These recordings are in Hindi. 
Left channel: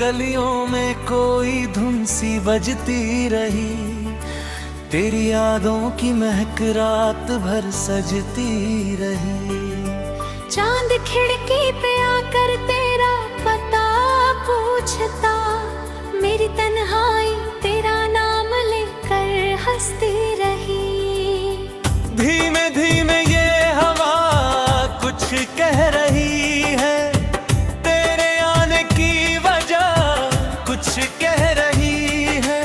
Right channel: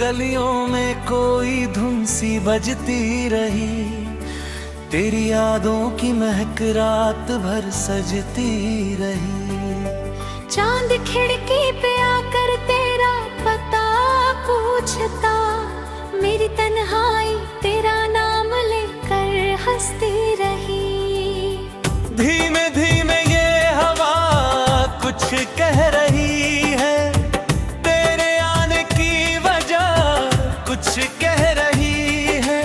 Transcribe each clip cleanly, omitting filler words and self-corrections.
गलियों में कोई धुन सी बजती रही, तेरी यादों की महक रात भर सजती रही। चांद खिड़की पे आकर तेरा पता पूछता, मेरी तन्हाई तेरा नाम लेकर हंसती रही। धीमे धीमे ये हवा कुछ कह रही है, तेरे आने की वजह कुछ कह रही है।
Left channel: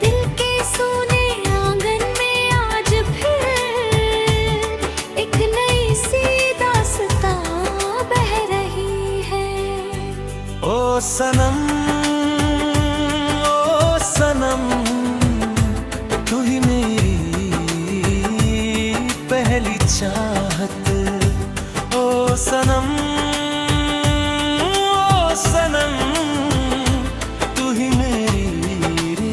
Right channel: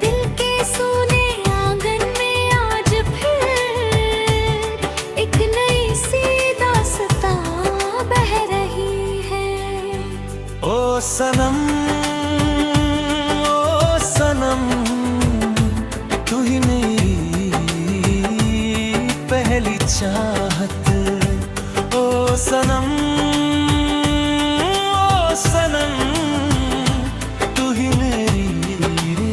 दिल के सूने आंगन में आज फिर एक नई सी दास्तां बह रही है। ओ सनम, ओ सनम, तू ही मेरी पहली चाहत। ओ सनम, ओ सनम, तू ही मेरी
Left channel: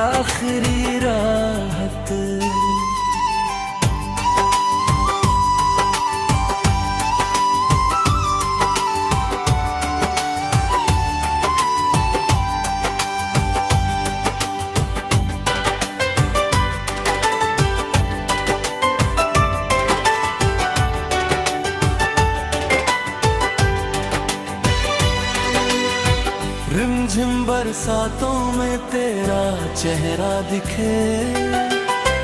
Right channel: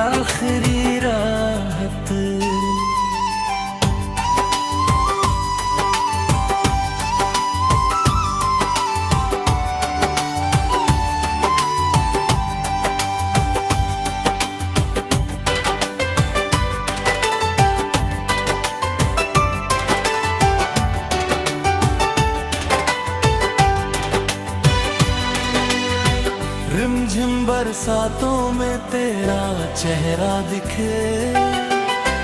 आखिरी राहत। रिमझिम बरसातों में तेरा चेहरा दिखे,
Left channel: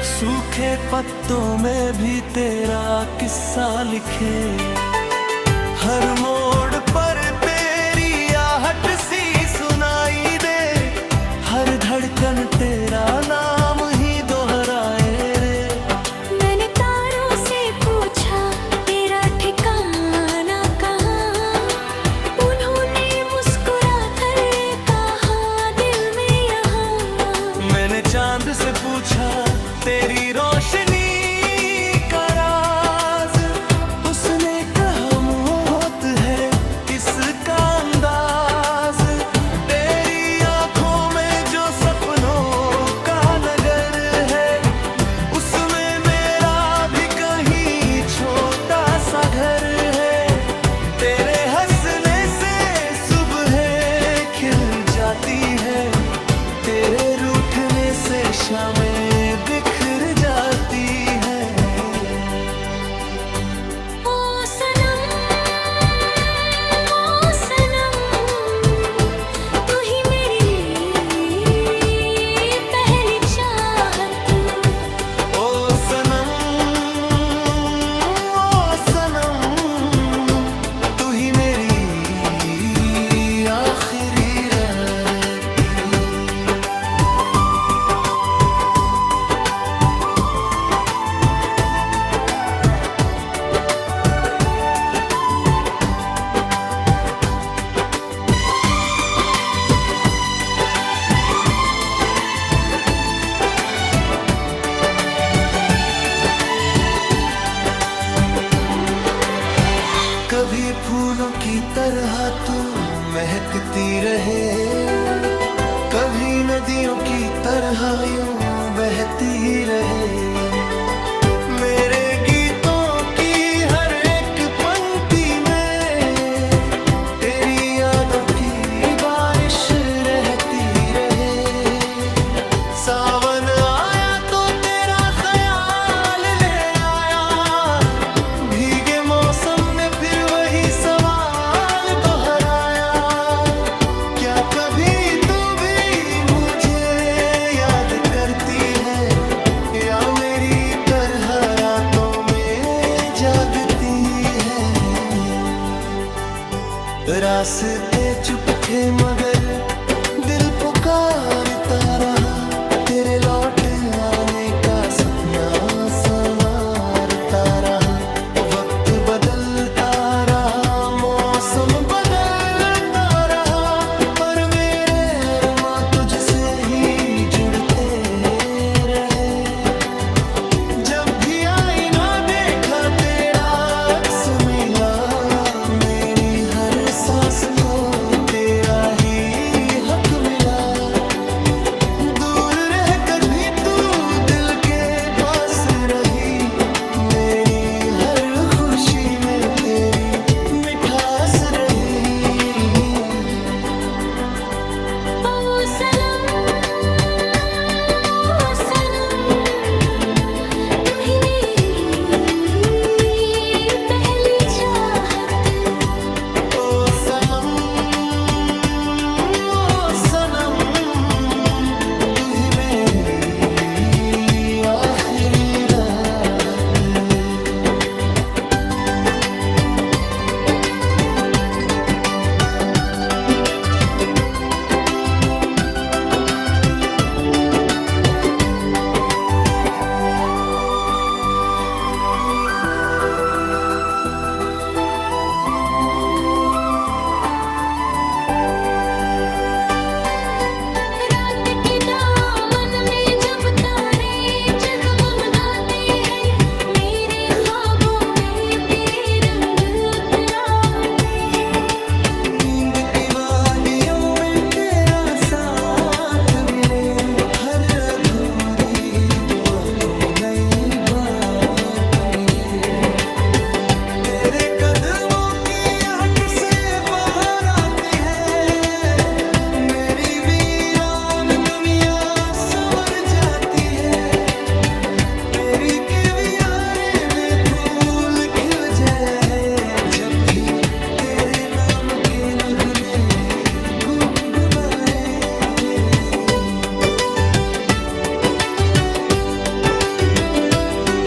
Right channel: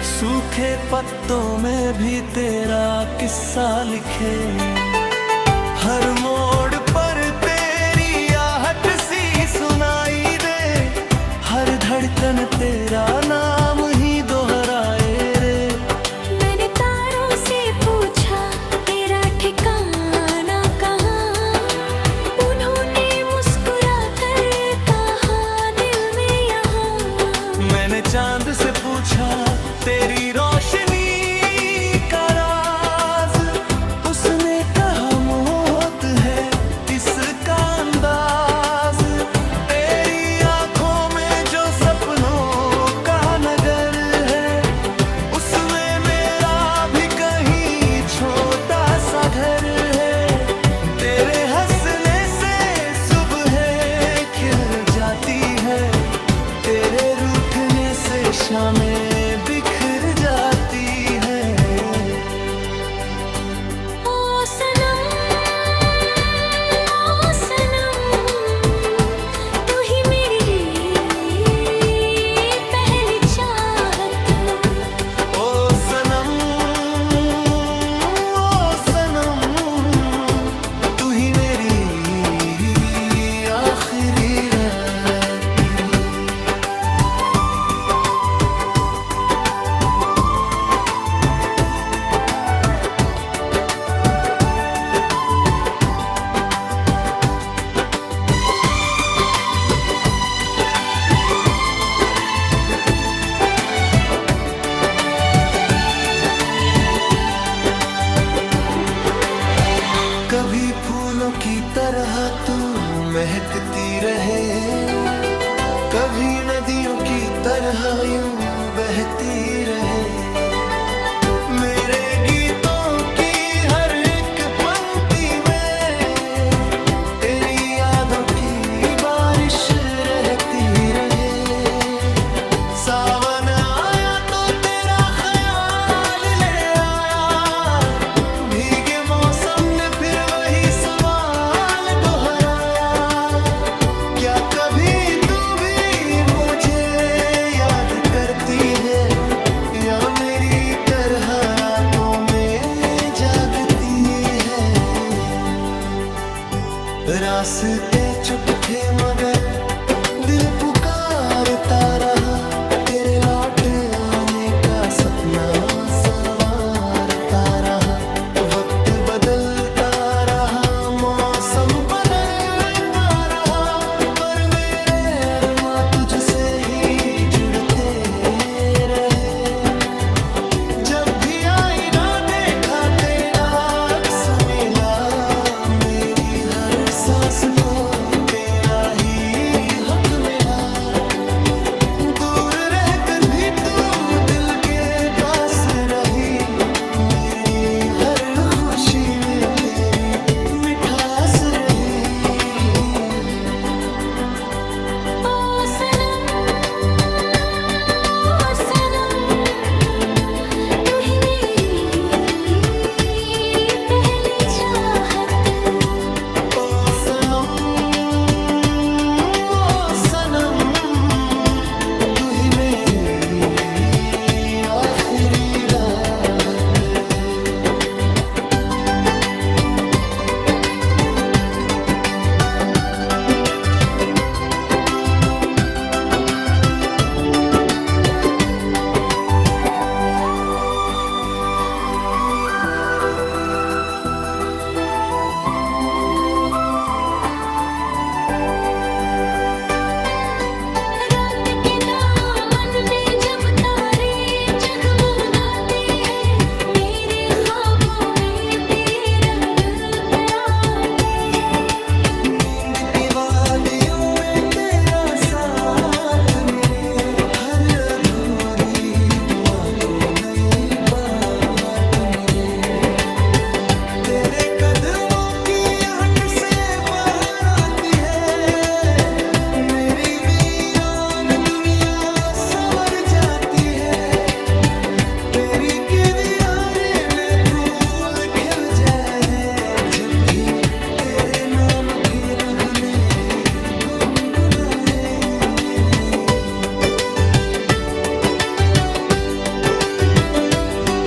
सूखे पत्तों में भी तेरा किस्सा लिखे। हर मोड़ पर तेरी आहट सी सुनाई दे, हर धड़कन तेरा नाम ही दोहराए रे। मैंने तारों से पूछा तेरा ठिकाना कहाँ, उन्होंने मुस्कुरा कर कहा दिल में यहाँ। मैंने चांद से पूछा तेरी रोशनी का राज, उसने कहा मौत है इसका अंदाज। तेरी आंखों में जो सपनों का नगर है, उसमें मेरा भी कहीं छोटा सा घर है। तेरे हंसने से सुबह खिल जाती है, तेरे रूठने से शामें बिखर जाती है। ओ सनम, ओ सनम, तू ही मेरी पहली चाहत। ओ सनम, ओ सनम, तू ही मेरी आखिरी रात। कभी फूलों की तरह तू महकती रहे, कभी नदियों की तरह यूं बहती रहे। मेरे गीतों की हर एक पंक्ति में तेरी यादों की बारिश रहती रहे। सावन आया तो तेरा ख्याल ले आया, भीगे मौसम ने फिर वही सवाल दोहराया। क्या कभी तू भी मुझे याद करती है, या मेरी तरह रातों में जागती है। रास्ते चुप थे मगर दिल पुकारता रहा, तेरे लौट आने का सपना संवारता रहा। वक्त बदलता रहा, मौसम बदलता रहा, पर मेरे अरमां तुझसे ही जुड़ते रहे। जब भी आईना देखा तेरा अक्स मिला, मेरी हर सांस को तेरा ही हक मिला। दूर रहकर भी तू दिल के पास रही, मेरी हर खुशी में तेरी मिठास रही। आखिरी राहत। रात के दामन में जब तारे जगमगाते हैं, मेरे ख्वाबों में तेरे रंग उतराते हैं। नींद की वादियों में तेरा साथ मिले, हर अधूरी दुआ को नई बात मिले। तेरे कदमों की आहट से बाहर आती है, मेरी वीरान दुनिया संवर जाती है। तेरी के वीराने में फूल खिल जाए, जब भी तेरे नाम के नगमे गुनगुनाए।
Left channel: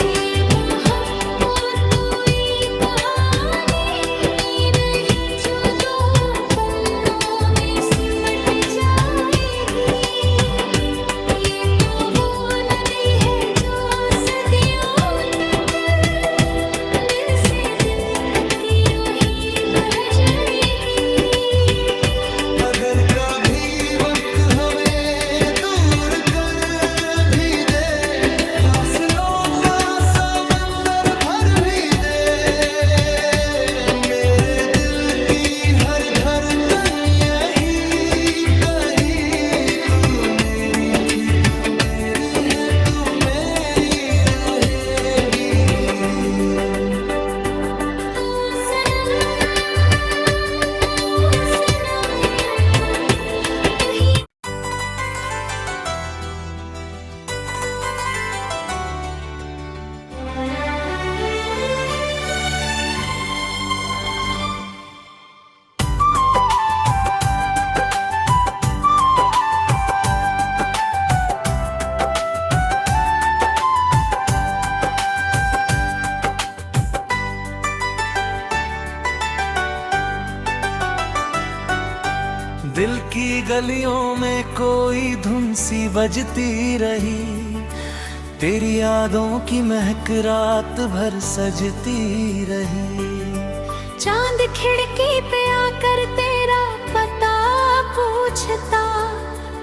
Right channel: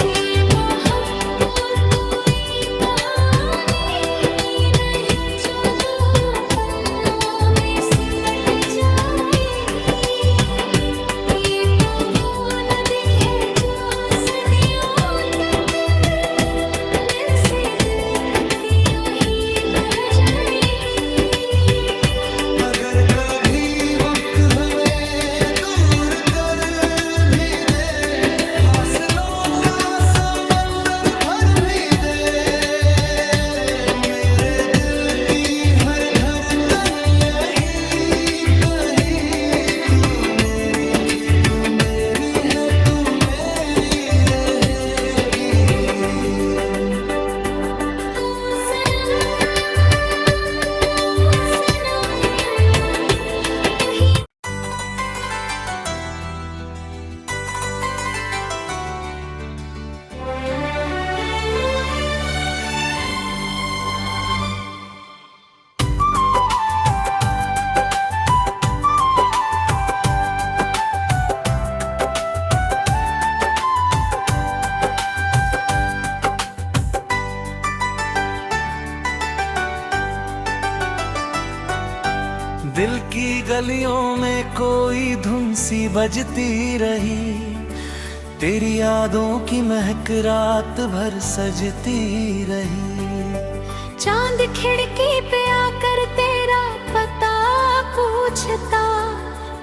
ये मोहब्बत कोई कहानी नहीं जो दो पन्नों में सिमट जाएगी। ये तो वो नदी है जो सदियों तक दिल से दिल तक की रोही बह जाएगी। अगर कभी वक्त हमें दूर कर भी दे, फासलों का समंदर भर भी दे, मेरे दिल की हर धड़कन यही कही, तू मेरी थी, तू मेरी है, तू मेरी रहेगी। ओ सनम तू ही। दिल की गलियों में कोई धुन सी बजती रही, तेरी यादों की महक रात भर सजती रही। चांद खिड़की पे आकर तेरा पता पूछता,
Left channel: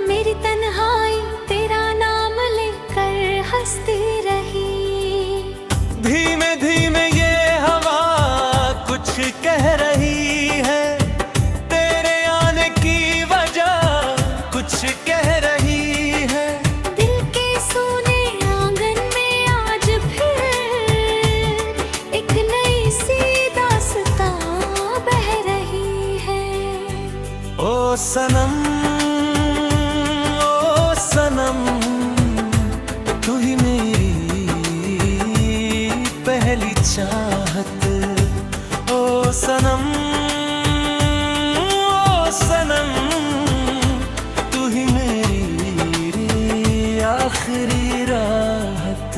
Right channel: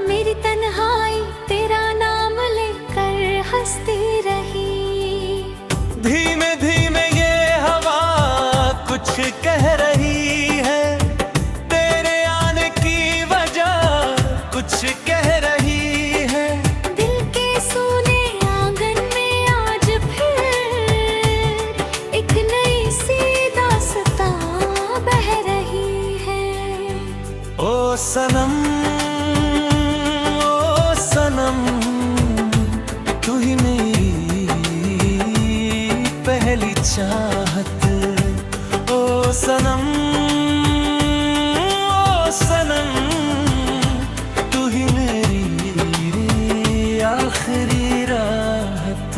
मेरी तन्हाई तेरा नाम लेकर हंसती रही। धीमे धीमे ये हवा कुछ कह रही है, तेरे आने की वजह कुछ कह रही है। दिल के सूने आंगन में आज फिर एक नई सी दास्तां बह रही है। ओ सनम, ओ सनम, तू ही मेरी पहली चाहत। ओ सनम, ओ सनम, तू ही मेरी आखिरी राहत।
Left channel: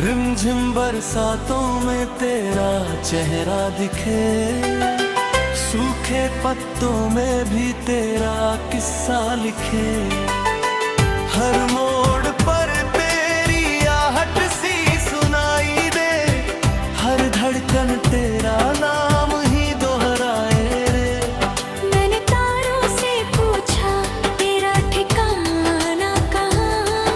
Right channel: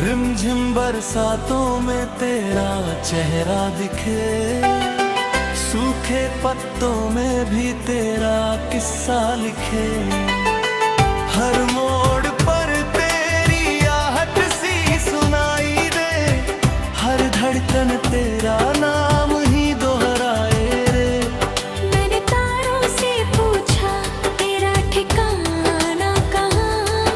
रिमझिम बरसातों में तेरा चेहरा दिखे, सूखे पत्तों में भी तेरा किस्सा लिखे। हर मोड़ पर तेरी आहट सी सुनाई दे, हर धड़कन तेरा नाम ही दोहराए रे। मैंने तारों से पूछा तेरा ठिकाना कहाँ,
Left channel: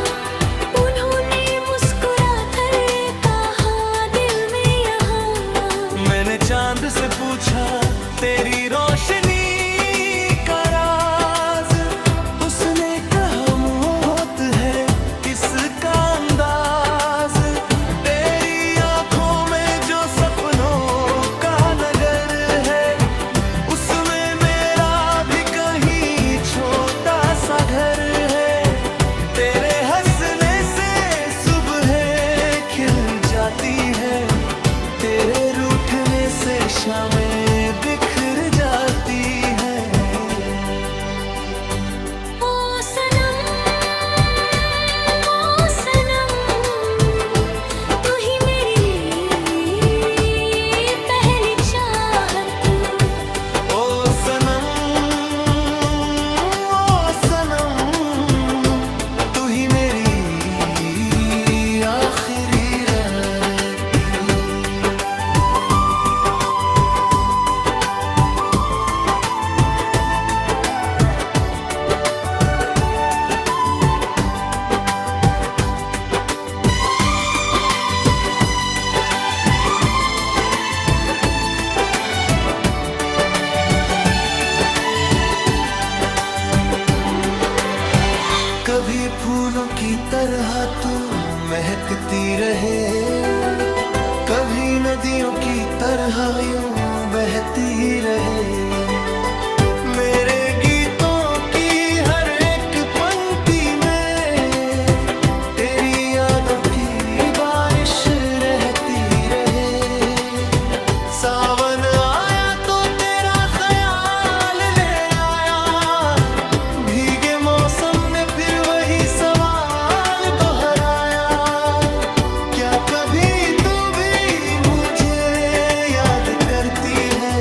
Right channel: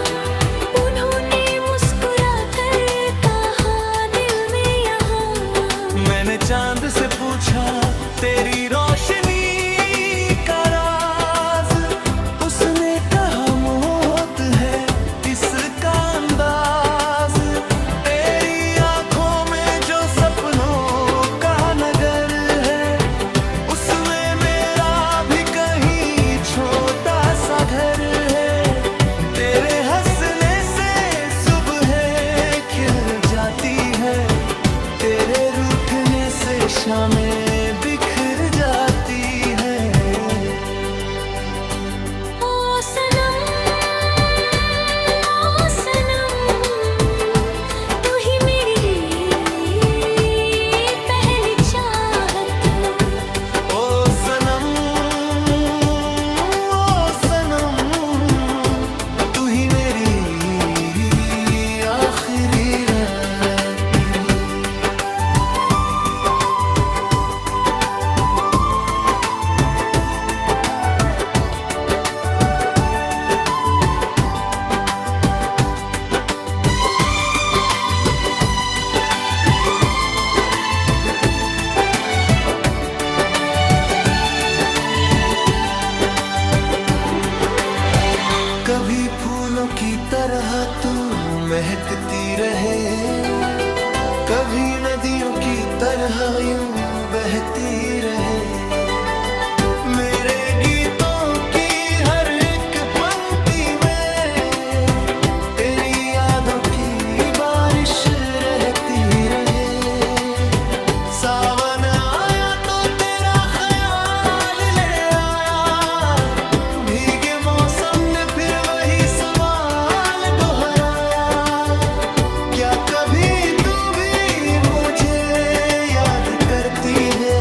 उन्होंने मुस्कुरा कर कहा दिल में यहाँ। मैंने चांद से पूछा तेरी रोशनी का राज, उसने कहा मौत है इसका अंदाज। तेरी आंखों में जो सपनों का नगर है, जाती है, तेरे रूठने से शामें बिखर जाती है। ओ सनम, ओ सनम, तू ही मेरी पहली चाहत। ओ सनम, ओ सनम, तू ही मेरी आखिरी रात। कभी फूलों की तरह तू महकती रहे, कभी नदियों की तरह यूं बहती रहे। मेरे गीतों की हर एक पंक्ति में तेरी यादों की बारिश रहती रहे। सावन आया तो तेरा ख्याल ले आया, भीगे मौसम ने फिर वही सवाल दोहराया। क्या कभी तू भी मुझे याद करती है,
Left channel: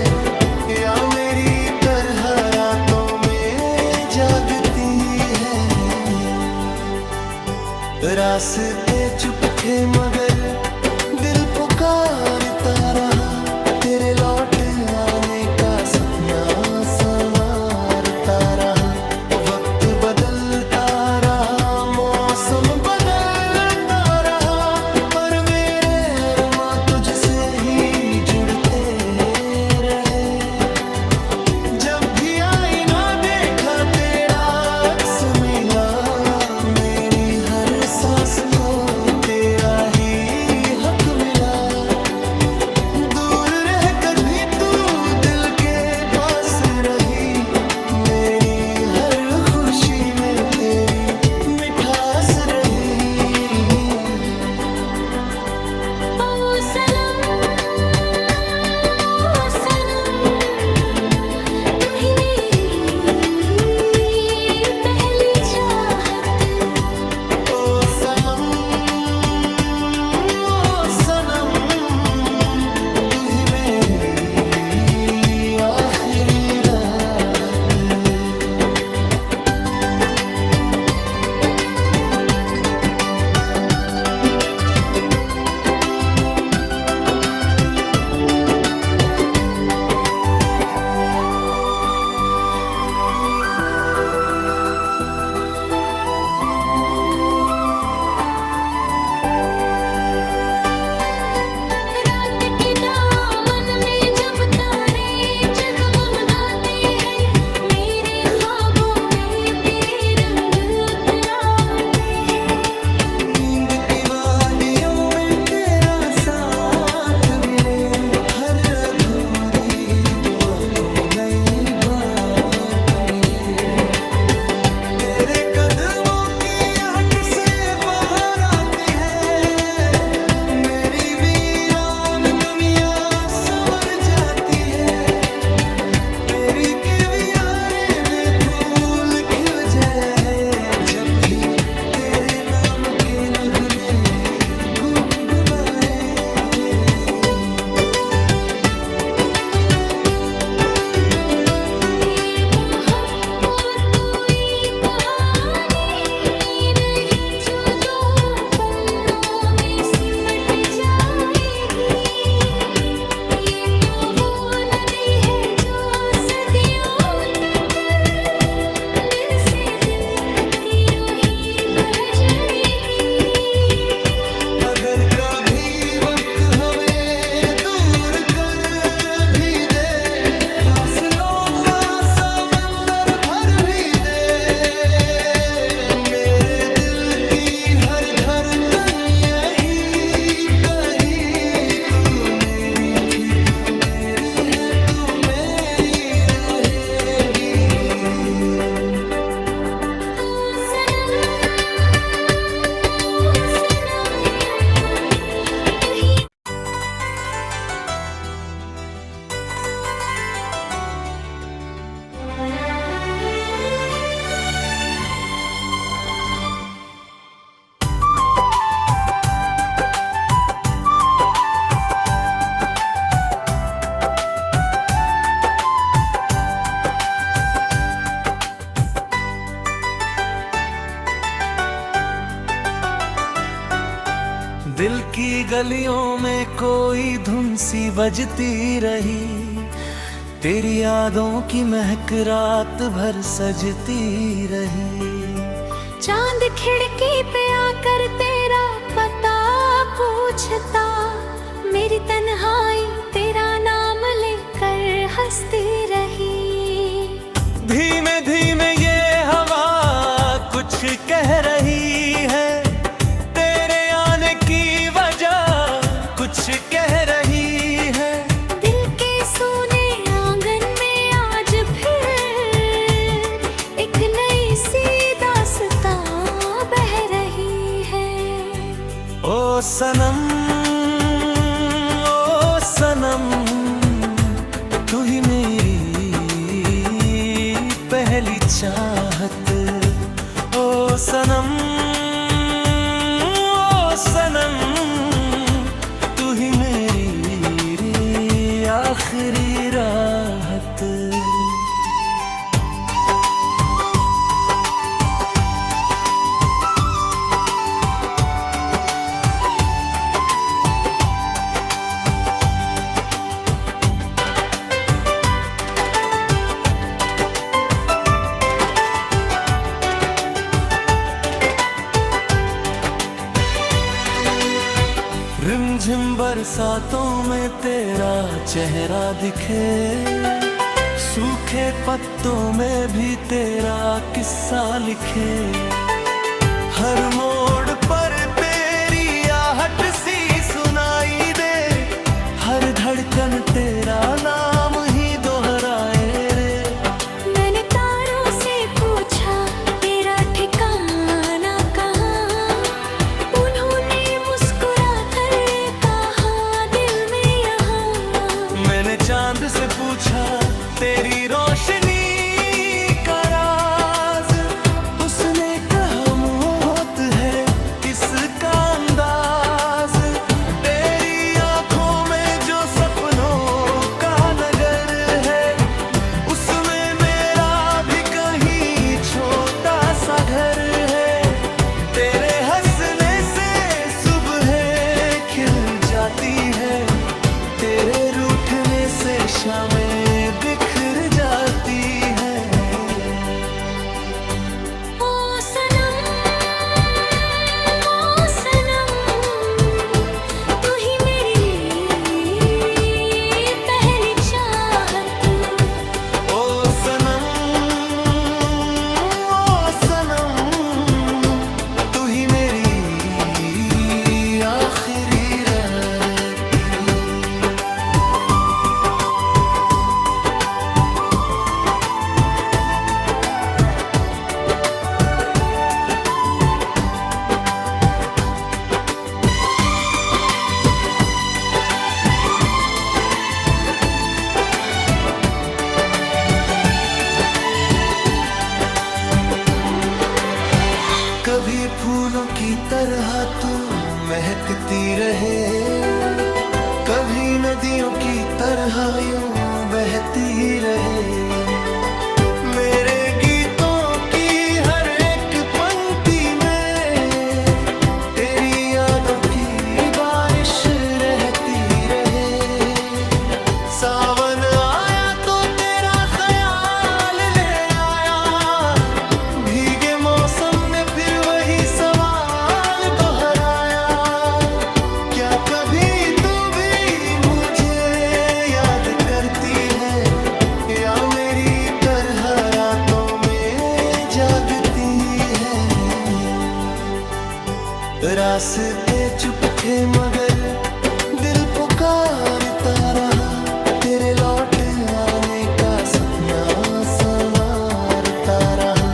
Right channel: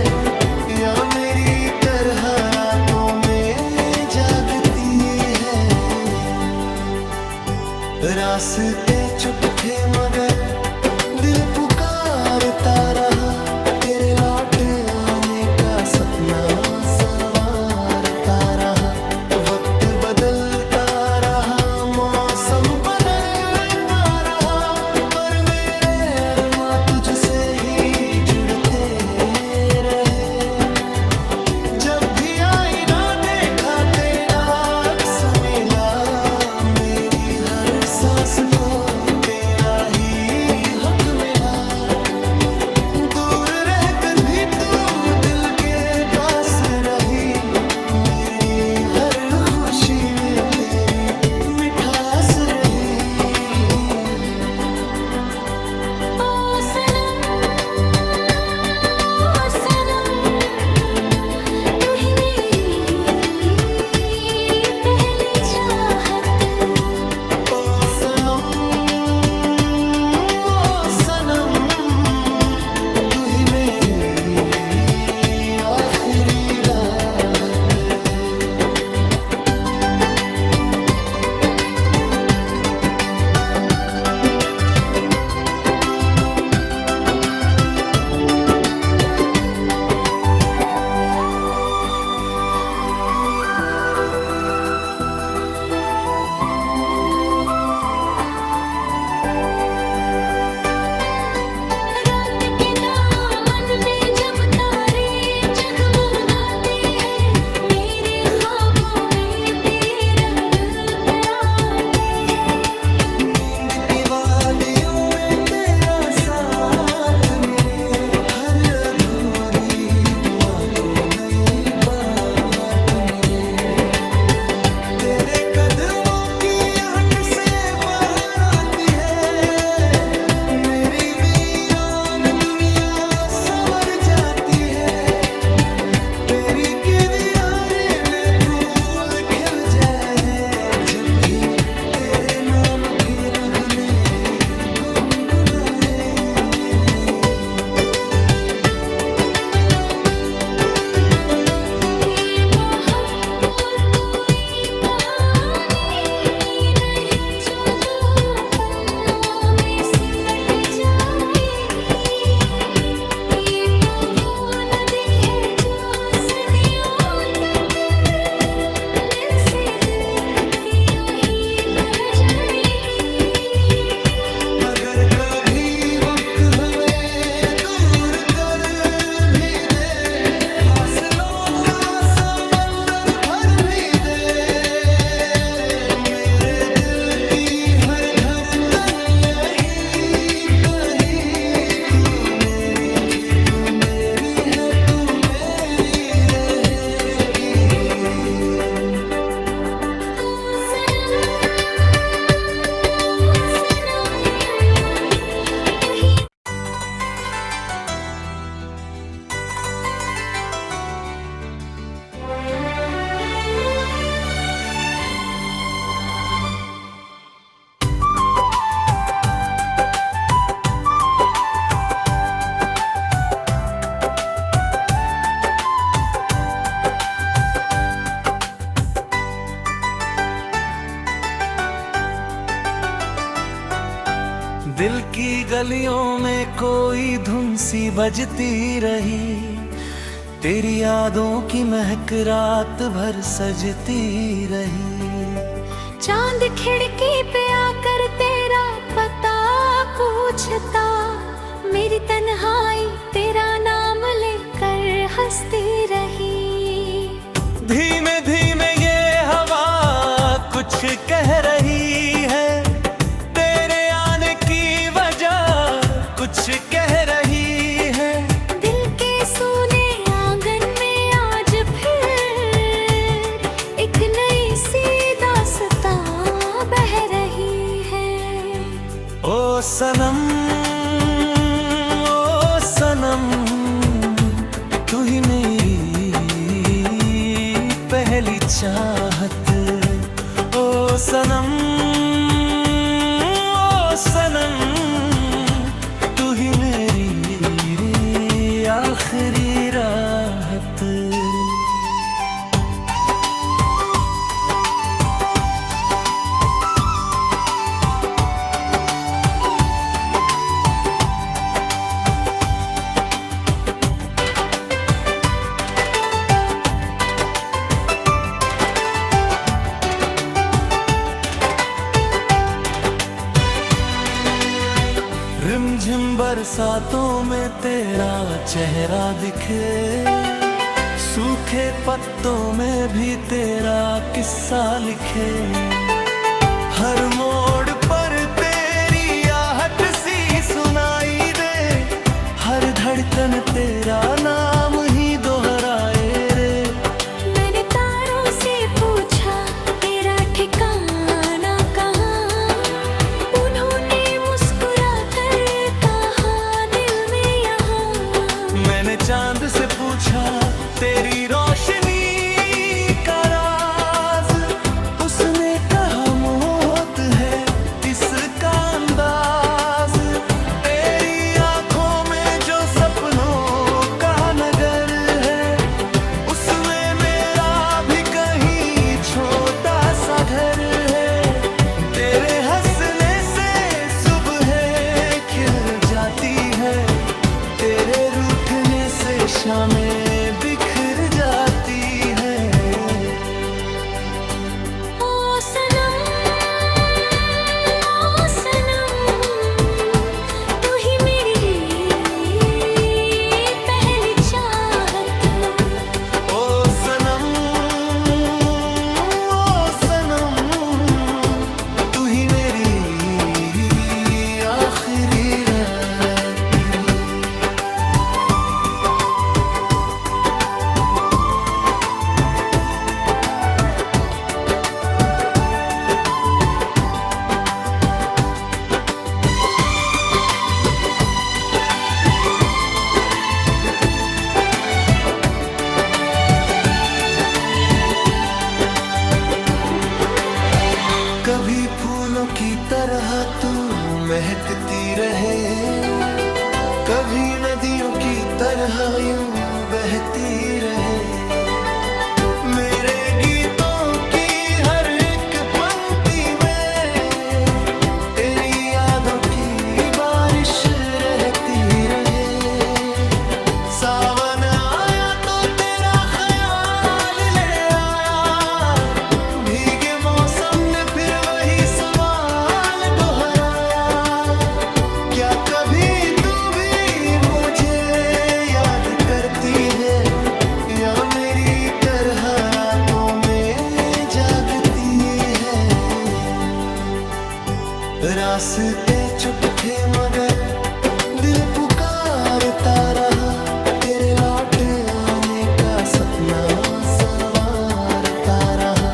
या मेरी तरह रातों में जागती है। रास्ते चुप थे मगर दिल पुकारता रहा, तेरे लौट आने का सपना संवारता रहा। वक्त बदलता रहा, मौसम बदलता रहा, पर मेरे अरमां तुझसे ही जुड़ते रहे। जब भी आईना देखा तेरा अक्स मिला, मेरी हर सांस को तेरा ही हक मिला। दूर रहकर भी तू दिल के पास रही, मेरी हर खुशी में तेरी मिठास रही। ओ सनम, ओ सनम, तू ही मेरी पहली चाहत। ओ सनम, ओ सनम, तू ही मेरी आखिरी राहत। रात के दामन में जब तारे जगमगाते हैं, मेरे ख्वाबों में तेरे रंग उतराते हैं। नींद की वादियों में तेरा साथ मिले, हर अधूरी दुआ को नई बात मिले। तेरे कदमों की आहट से बाहर आती है, मेरी वीरान दुनिया संवर जाती है। तेरी के वीराने में फूल खिल जाए, जब भी तेरे नाम के नगमे गुनगुनाए। ये मोहब्बत कोई कहानी नहीं, जो दो पन्नों में सिमट जाएगी। ये तो वो नदी है जो सदियों तक दिल से दिल तक की रोही बह जाएगी। अगर कभी वक्त हमें दूर कर भी दे, फासलों का समंदर भर भी दे, मेरे दिल की हर धड़कन यही कही, तू मेरी थी, तू मेरी है, तू मेरी रहेगी। ओ सनम, तू ही गलियों में कोई धुन सी बजती रही, तेरी यादों की महक रात भर सजती रही। चांद खिड़की पे आकर तेरा पता पूछता, मेरी तन्हाई तेरा नाम लेकर हंसती रही। धीमे धीमे ये हवा कुछ कह रही है, तेरे आने की वजह कुछ कह रही है। दिल के सूने आंगन में आज फिर एक नई सी दास्तां बह रही है। ओ सनम, ओ सनम, तू ही मेरी पहली चाहत। ओ सनम, ओ सनम, तू ही मेरी आखिरी राहत। रिमझिम बरसातों में तेरा चेहरा दिखे, सूखे पत्तों में भी तेरा किस्सा लिखे। हर मोड़ पर तेरी आहट सी सुनाई दे, हर धड़कन तेरा नाम ही दोहराए रे। मैंने तारों से पूछा तेरा ठिकाना कहाँ, उन्होंने मुस्कुरा कर कहा दिल में यहाँ। मैंने चांद से पूछा तेरी रोशनी का राज, उसने कहा मौत है इसका अंदाज। तेरी आंखों में जो सपनों का नगर है, उसमें मेरा भी कहीं छोटा सा घर है। तेरे हंसने से सुबह खिल जाती है, तेरे रूठने से शामें बिखर जाती है। ओ सनम, ओ सनम, तू ही मेरी पहली चाहत। ओ सनम, ओ सनम, तू ही मेरी आखिरी रात। कभी फूलों की तरह तू महकती रहे, कभी नदियों की तरह यूं बहती रहे। मेरे गीतों की हर एक पंक्ति में तेरी यादों की बारिश रहती रहे। सावन आया तो तेरा ख्याल ले आया, भीगे मौसम ने फिर वही सवाल दोहराया। क्या कभी तू भी मुझे याद करती है, या मेरी तरह रातों में जागती है। रास्ते चुप थे मगर दिल पुकारता रहा, तेरे लौट आने का सपना संवारता रहा।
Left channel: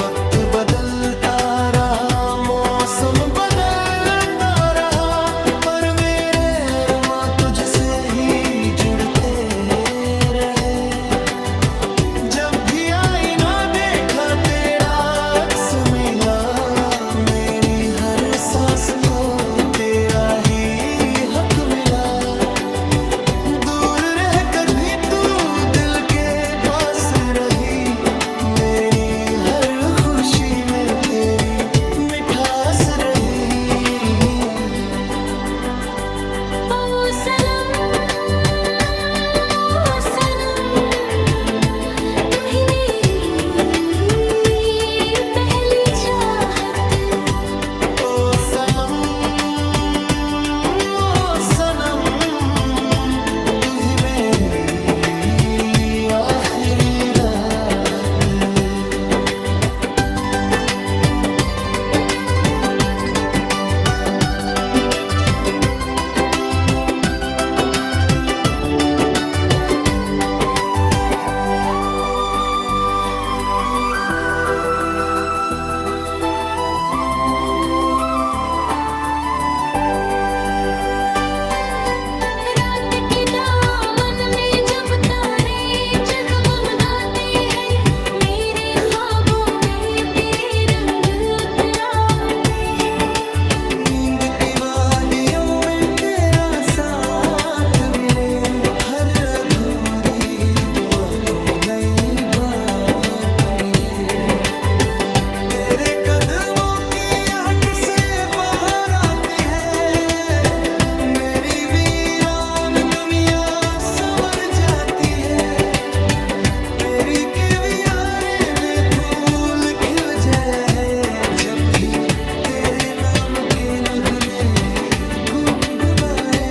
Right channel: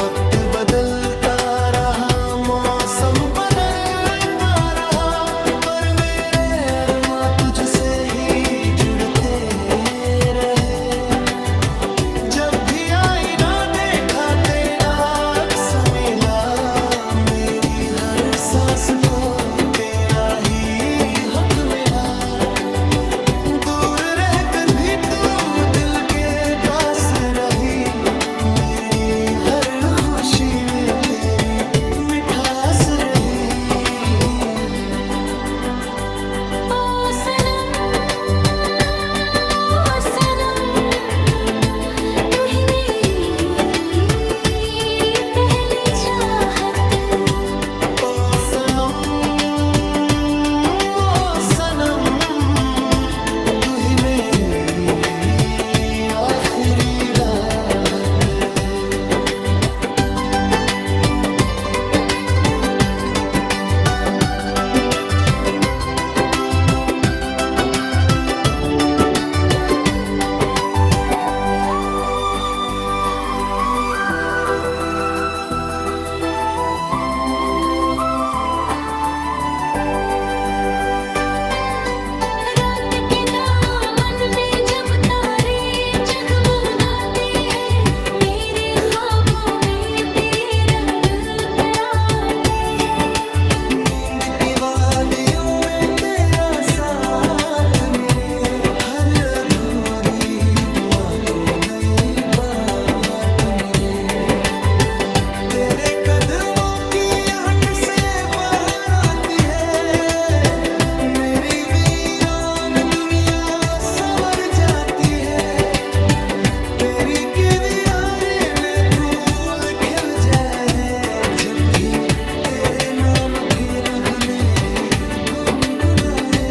वक्त बदलता रहा, मौसम बदलता रहा, पर मेरे अरमां तुझसे ही जुड़ते रहे। जब भी आईना देखा तेरा अक्स मिला, मेरी हर सांस को तेरा ही हक मिला। दूर रहकर भी तू दिल के पास रही, मेरी हर खुशी में तेरी मिठास रही। आखिरी राहत। रात के दामन में जब तारे जगमगाते हैं, मेरे ख्वाबों में तेरे रंग उतराते हैं। नींद की वादियों में तेरा साथ मिले, हर अधूरी दुआ को नई बात मिले। तेरे कदमों की आहट से बाहर आती है, मेरी वीरान दुनिया संवर जाती है। तेरी के वीराने में फूल खिल जाए, जब भी तेरे नाम के नगमे गुनगुनाए।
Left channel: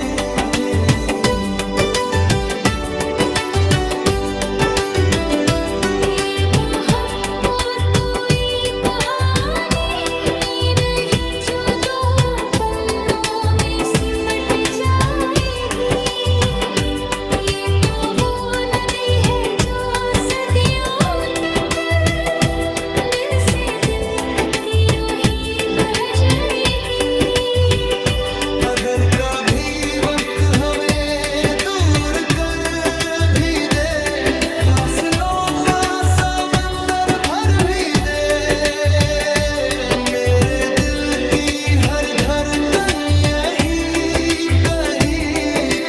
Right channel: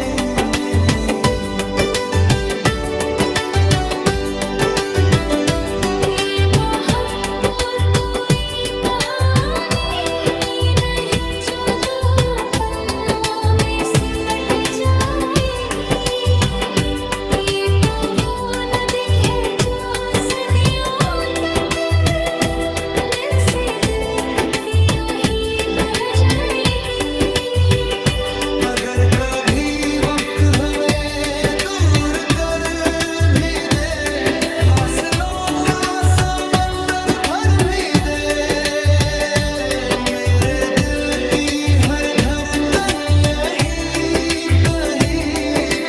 ये मोहब्बत कोई कहानी नहीं, जो दो पन्नों में सिमट जाएगी। ये तो वो नदी है जो सदियों तक दिल से दिल तक की रोही बह जाएगी। अगर कभी वक्त हमें दूर कर भी दे, फासलों का समंदर भर भी दे, मेरे दिल की हर धड़कन यही कही,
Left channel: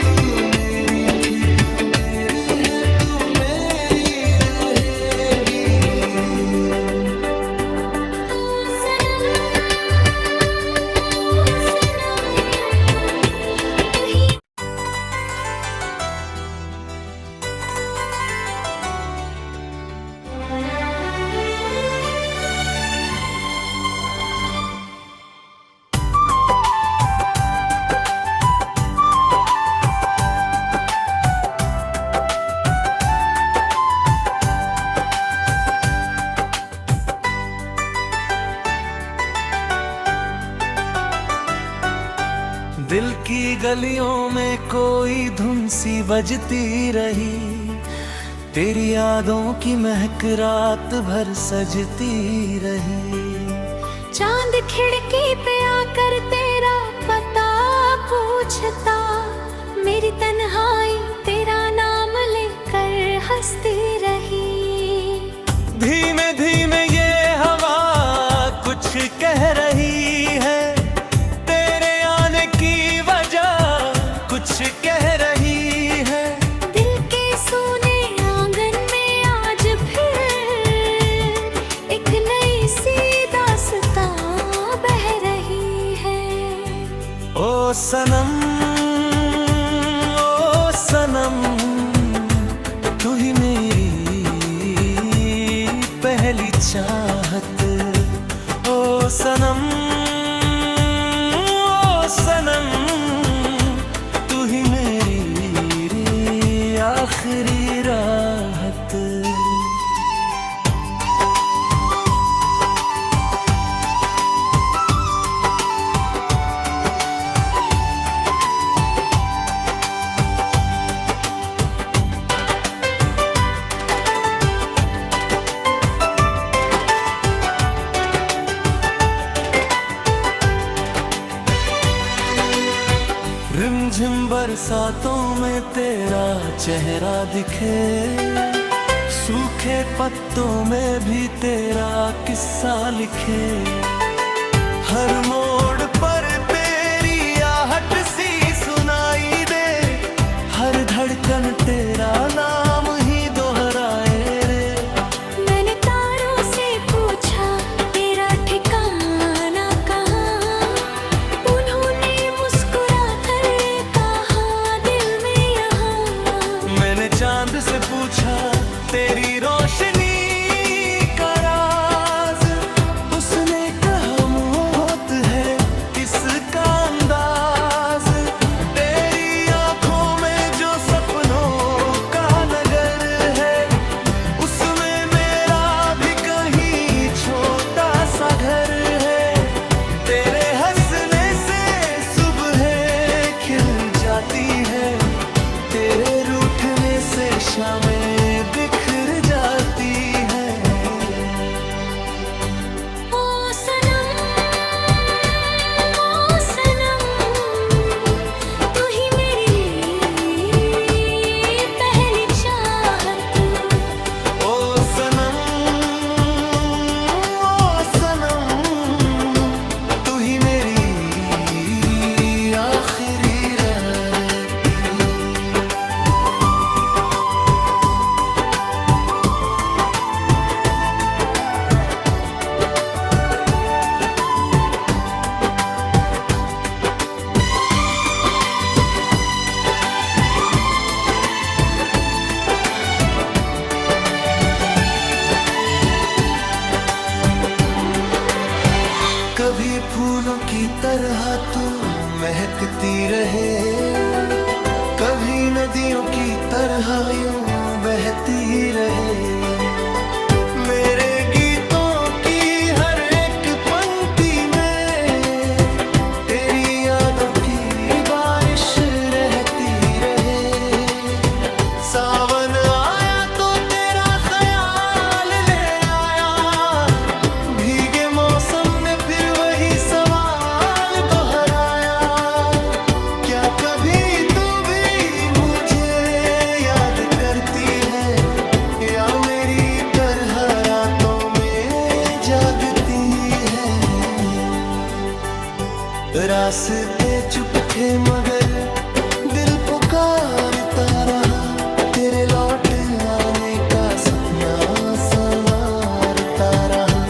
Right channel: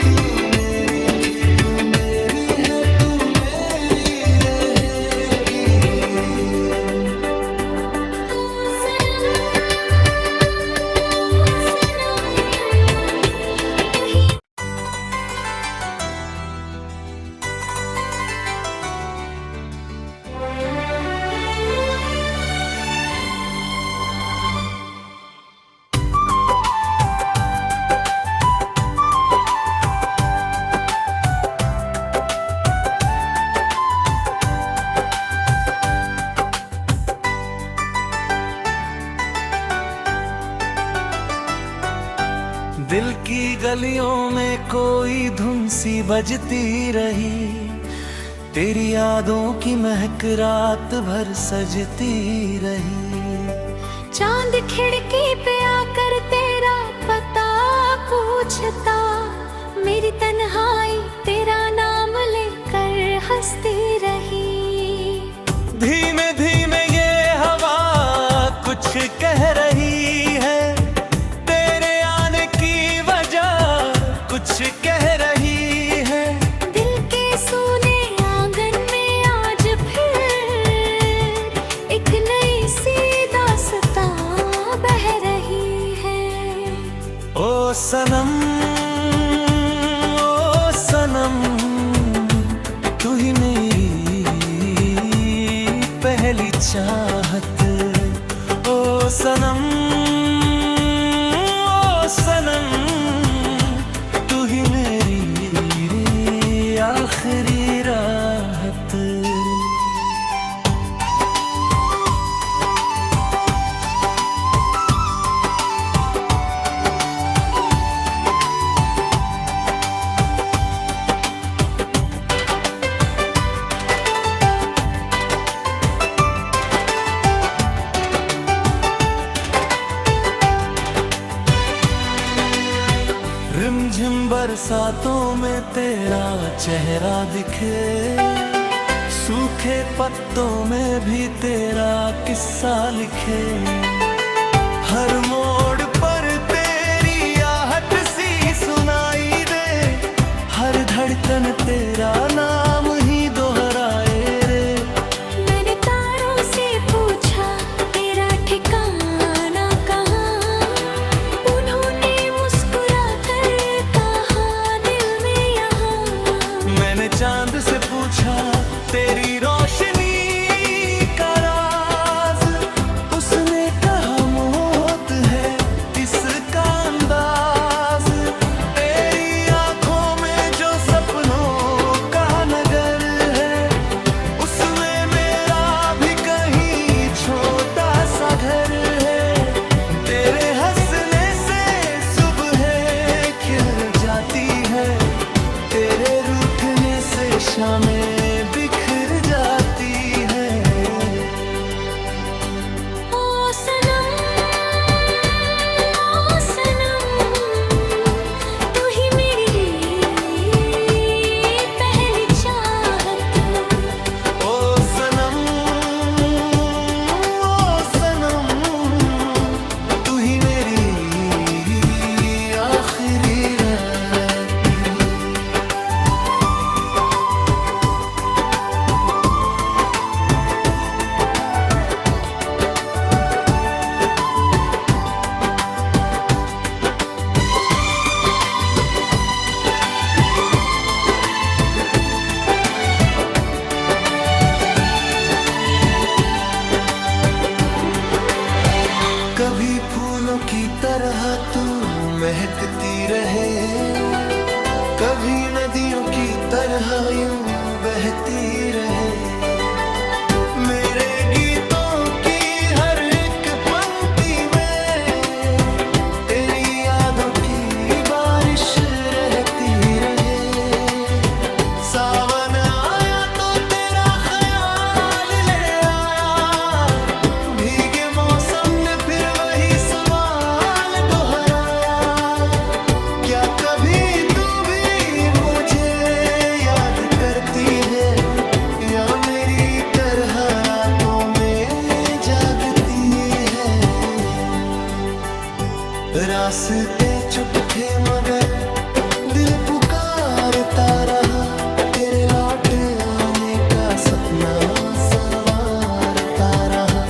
तू मेरी थी, तू मेरी है, तू मेरी रहेगी। ओ सनम, तू ही दिल की गलियों में कोई धुन सी बजती रही, तेरी यादों की महक रात भर सजती रही। चांद खिड़की पे आकर तेरा पता पूछता, मेरी तन्हाई तेरा नाम लेकर हंसती रही। धीमे धीमे ये हवा कुछ कह रही है, तेरे आने की वजह कुछ कह रही है। दिल के सूने आंगन में आज फिर एक नई सी दास्तां बह रही है। ओ सनम, ओ सनम, तू ही मेरी पहली चाहत। ओ सनम, ओ सनम, तू ही मेरी आखिरी राहत। रिमझिम बरसातों में तेरा चेहरा दिखे, सूखे पत्तों में भी तेरा किस्सा लिखे। हर मोड़ पर तेरी आहट सी सुनाई दे, हर धड़कन तेरा नाम ही दोहराए रे। मैंने तारों से पूछा तेरा ठिकाना कहाँ, उन्होंने मुस्कुरा कर कहा दिल में यहाँ। मैंने चांद से पूछा तेरी रोशनी का राज, उसने कहा मौत है इसका अंदाज। तेरी आंखों में जो सपनों का नगर है, जाती है, तेरे रूठने से शामें बिखर जाती है। ओ सनम, ओ सनम, तू ही मेरी पहली चाहत। ओ सनम, ओ सनम, तू ही मेरी आखिरी रात। कभी फूलों की तरह तू महकती रहे, कभी नदियों की तरह यूं बहती रहे। मेरे गीतों की हर एक पंक्ति में तेरी यादों की बारिश रहती रहे। सावन आया तो तेरा ख्याल ले आया, भीगे मौसम ने फिर वही सवाल दोहराया। क्या कभी तू भी मुझे याद करती है, या मेरी तरह रातों में जागती है। रास्ते चुप थे मगर दिल पुकारता रहा, तेरे लौट आने का सपना संवारता रहा।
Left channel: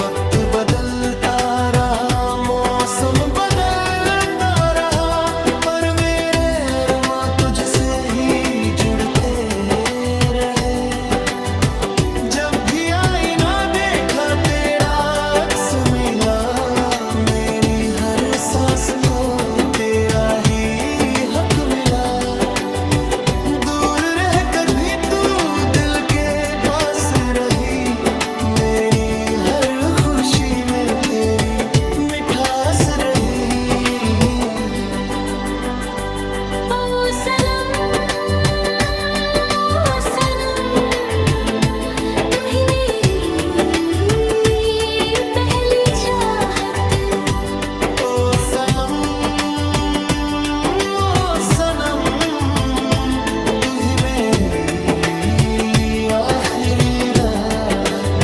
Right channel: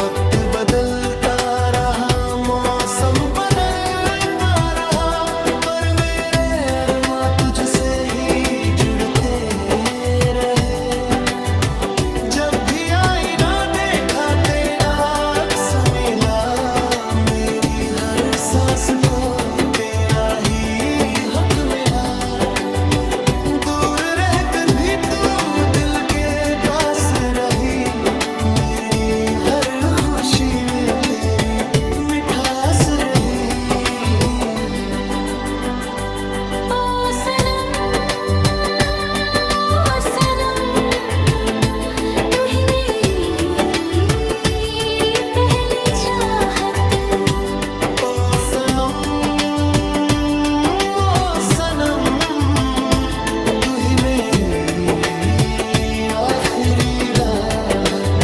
वक्त बदलता रहा, मौसम बदलता रहा, पर मेरे अरमां तुझसे ही जुड़ते रहे। जब भी आईना देखा तेरा अक्स मिला, मेरी हर सांस को तेरा ही हक मिला। दूर रहकर भी तू दिल के पास रही, मेरी हर खुशी में तेरी मिठास रही। ओ सनम, ओ सनम, तू ही मेरी पहली चाहत। ओ सनम, ओ सनम, तू ही मेरी आखिरी राहत।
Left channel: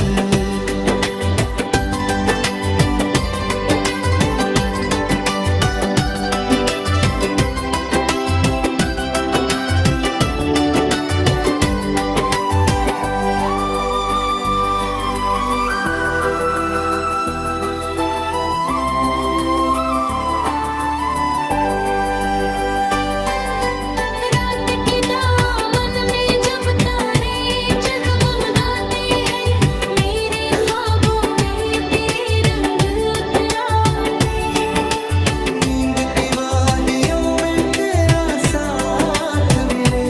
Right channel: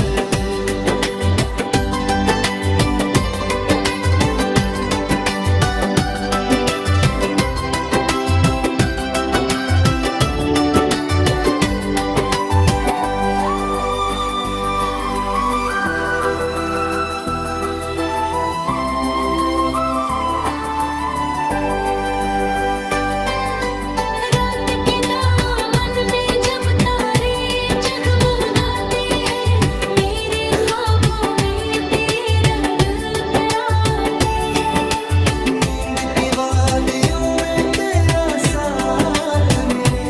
रात के दामन में जब तारे जगमगाते हैं, मेरे ख्वाबों में तेरे रंग उतराते हैं। नींद की वादियों में तेरा साथ मिले,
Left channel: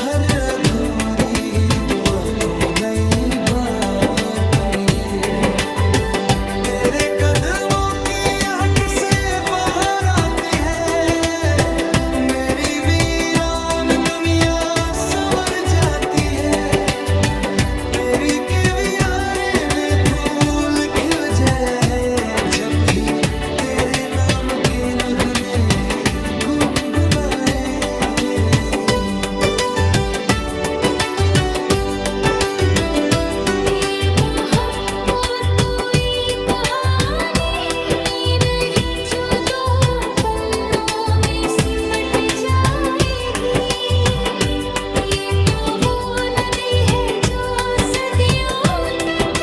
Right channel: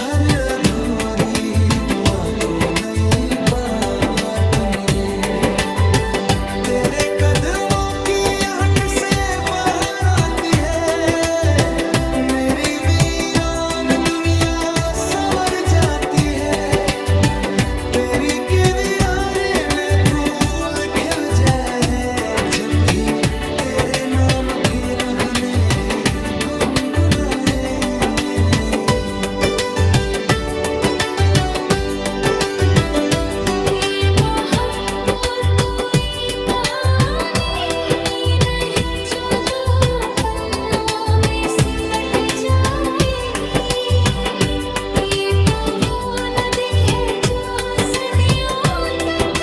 हर अधूरी दुआ को नई बात मिले। तेरे कदमों की आहट से बाहर आती है, मेरी वीरान दुनिया संवर जाती है। तेरी के वीराने में फूल खिल जाए, जब भी तेरे नाम के नगमे गुनगुनाए। ये मोहब्बत कोई कहानी नहीं, जो दो पन्नों में सिमट जाएगी। ये तो वो नदी है जो सदियों तक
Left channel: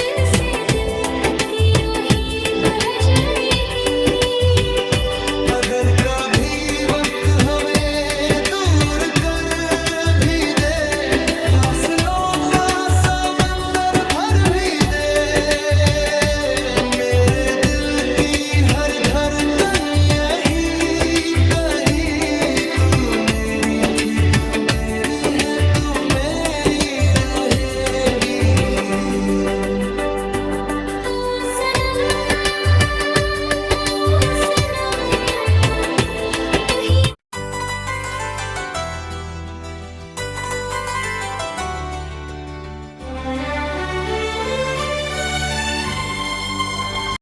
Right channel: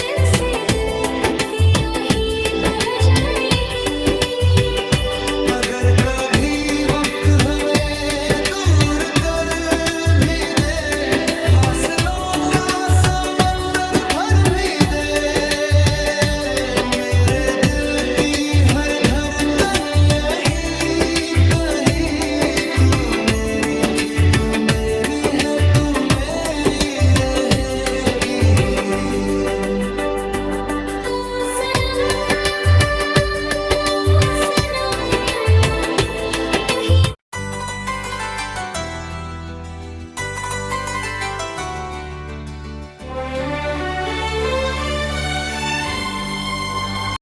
दिल से दिल तक की रोही बह जाएगी। अगर कभी वक्त हमें